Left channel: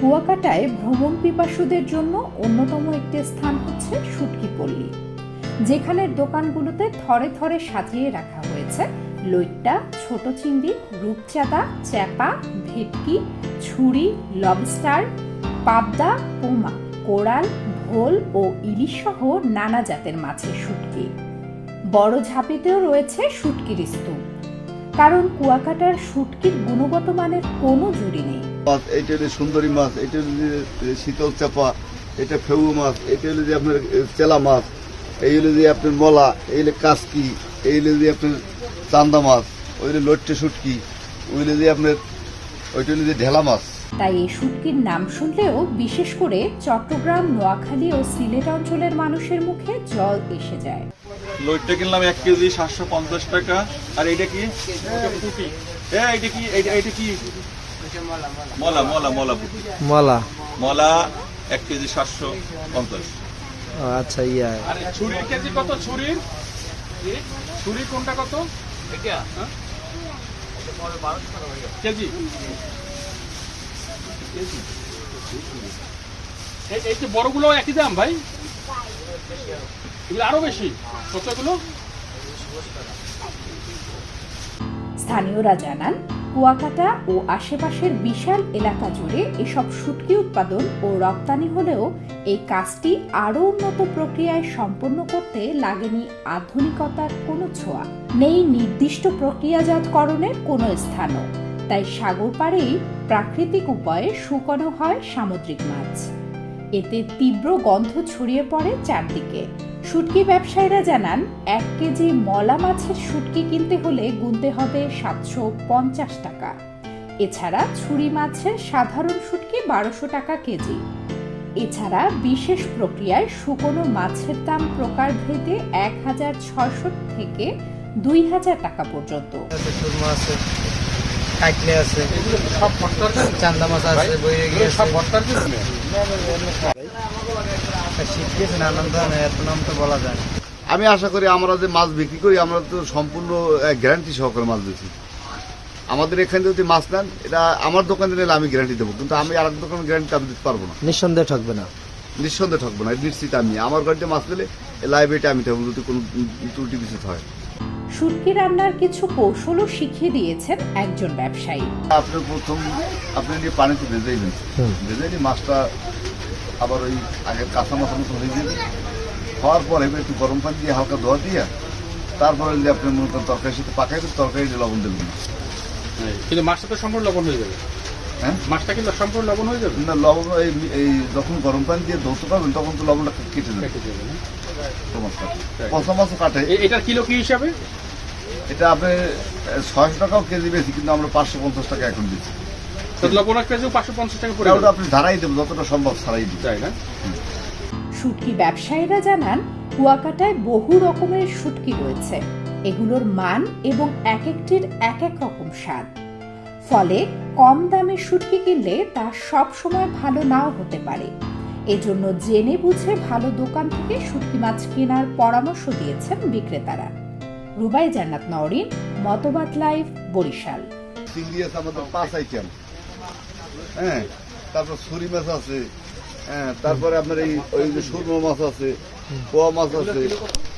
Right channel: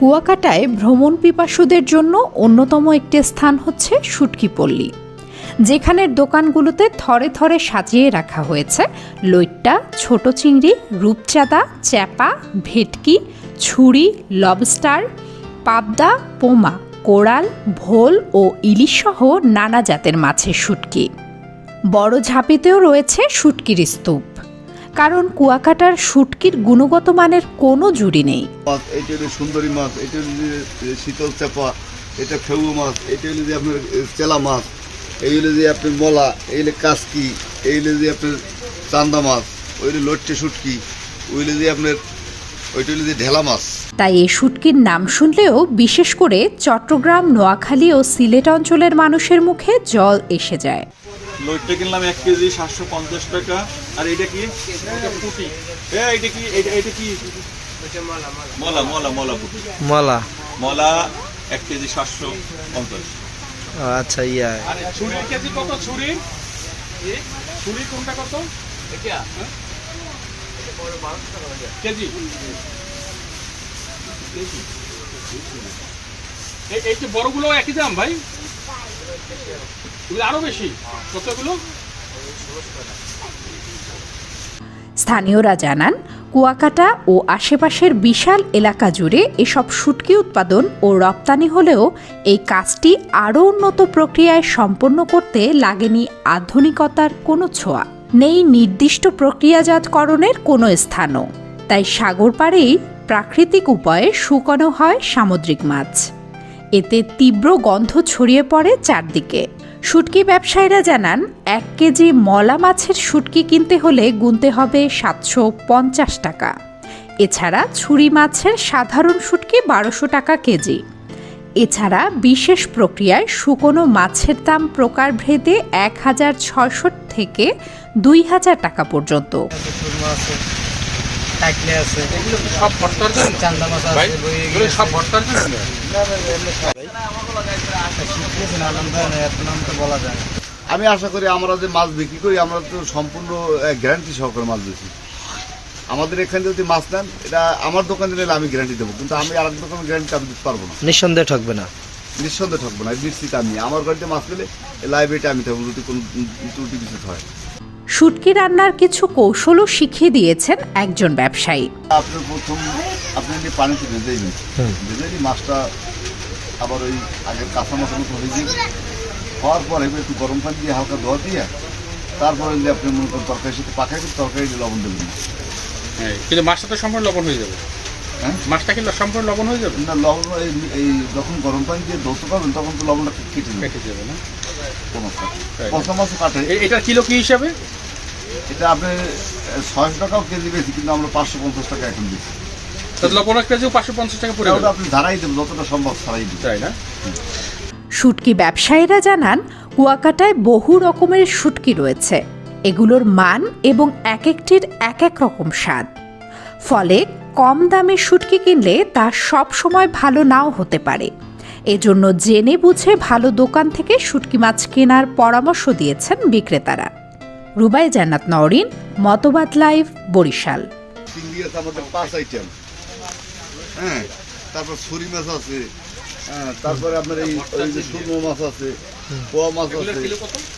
কুয়াকাটায় ভ্রমণ পিপাসুদের জন্য অন্যতম একটি স্থান হচ্ছে শুটকিপল্লী যেখানের দোকানগুলোতে থরে থরে সাজিয়ে রাখা হয়েছে লইট্টা, ছোট চিংড়ি, রূপচাঁদা, চ্যাপা, ভেটকি, ছুরি, লবস্টার, পাবদা, পোমা কোরাল ভোল ও ইলিশ সহ নানা জাতের মাছের শুটকি। বড় ঝাঁপিতেও রয়েছে শুটকির স্তূপ। কারণ কুয়াকাটার শুটকির গুণগত মানের কোনো জুড়ি নেই। মাছ এটা হলো সুন্দরী মাছ এটা হলো যে শীতল চাপা এটা ফেউ মাছ এটা হলো যে আপনার চেলা মাছ এই হলো যে আপনার মলা এই হলো কাসকি এই হলো যে আপনার চান্দা মাছ ওই হলো লট্টে শুটকি ওই হলো যে আপনার ওইটা হলো যে ঢেলা মাছ। তাই এই শুটকির নাম শুনলেও বিশেষ করে চট্টগ্রাম নোয়াখালী ও সিলেট অঞ্চলের মানুষের মুখে জল এসে যায়। লইটটা কিনলাম এক কেজি সাতশো পঞ্চাশ টাকা। আর এটা কি? হ্যাঁ এটা কি? এটা কি? মলা মলা মলা পুঁটি। মলা। মলা এক কেজি সাতশো পঞ্চাশ। আচ্ছা ইয়া। আর ছুরির কেজি কত? ছুরির? ছুরি কোনটা কত? হ্যাঁ? কেজি। এই- এই যে বড়গুলো একই দাম ভাই? স্থানীয়রা জানান, কুয়াকাটা ও আশেপাশের বিশাল এলাকা জুড়ে এসব শুটকি উৎপাদন ও রপ্তানি হলেও এই কাজটি আরও উন্নত প্রক্রিয়ায় সম্পন্ন করতে লাগেনি আধুনিকতার কোনো ছোঁয়া। নেই নির্দিষ্ট প্রক্রিয়াজাতকরণের কোনো স্থানও। তাই সাগর পাড়েই প্রাকৃতিক উপায়ে শুকানো হয় সামুদ্রিক মাছ। এতে তীব্র গন্ধ ছড়িয়ে পড়ে চারদিকে। শুটকি ব্যবসায়ীরা জানান, এক কেজি মলা মাছের শুটকি কিনতে হলে গুনতে হবে সাতশো পঞ্চাশ টাকা। এছাড়া ছুরি মাছের সাধারণ শুটকি বারোশো টাকা কেজি। এছাড়া বিশেষ প্রক্রিয়ায় শুকনো মাছের দাম প্রকারভেদে এক হাজার ছয়শো থেকে দুই হাজার টাকা পর্যন্ত। সুরমা আছে। এগুলো সব ভর্তার জন্য চান্দা মাছ আছে। বই এগুলো সব ভর্তার জন্য? শিখতেছি না নাম তো এত নাম তো বলা যায় না। আমি আশা করি আমরা যে মাছ বিক্রি করি আমরা তো সম্পূর্ণ গ্যারান্টি সহকারে মাছ বেশি আমাদের এখানে যদি মাছ নেন এটা আমার দোকানে নিলে আমি গ্যারান্টি দেবো কিন্তু আমি আর এক দোকানে গ্যারান্টি আমি দিতে পারব না। নিঃসন্দেহে ঠকবে না। নিঃসন্দেহে ঠকবো না নিশ্চিত আমি আমার গাড়িতে মাছ নিলে লাইব্রেরিটা আমি থাকব যদি কোনো ত্রুটি বিশেষ হয়। শুটকি রান্নার কিছু কৌশলও শিখিয়ে দিয়েছেন একজন ব্যবসায়ী। আপনার প্রথম আপনি যদি পানিতে ভেজেইবেন হুম। ভেজে নিয়ে মাছটা আবার ওই আগের কাঁচা মাছের মতো হয়ে যাবে হওয়ার পরে এবার একটু গরম পানি দিয়ে হালকা ধোয়া দিয়ে তারপরে যদি আপনি মনে করেন তরকারির সাথে পাকাইবেন তরকারি দিয়ে লবণ দেবেন না। হ্যাঁ, কিন্তু মাছটা তো সম্পূর্ণ লবণ হয়ে যাবে। হ্যাঁ? মাছটা কিন্তু সম্পূর্ণ লবণ হয়ে যাবে। না লবণ এই এই যখন গরম পানি দিয়ে ধৌতে পারবেন তখন তো লবণটা কেটে যাবে। কেটে যাবে না। কোনো কাটে পচা মাছও কাটে। এ- এটার কিলো কি হিসাবে? এটা আপনি ছয়শো টাকাও কেজি বেশি কিন্তু আমরা পাঁচশো পঞ্চাশ টাকা এখন দিচ্ছি। শুটকি ব্যবসায়ীরা জানান কুয়াকাটায় বহু রকমের শুটকি রয়েছে। এগুলোর মান এবং এক একটির এক এক রকম স্বাদ। ফলে কম দামে শুটকি কিনলে তা সব সময় ভালো নাও হতে পারে। এজন্য জেনে বুঝে ভালো দোকান থেকে শুটকি মাছ কেনার পরামর্শ দিয়েছেন বিক্রেতারা। রুবাই জান্নাত নওরিন, মতবাদ লাইভ, বরিশাল। পাঁচ আইটেম হ্যাঁ তারপর ছুরি মাছ আছে। হ্যাঁ তারপরে আপনার এই সুরমা মাছ আছে, পোয়া মাছ আছে।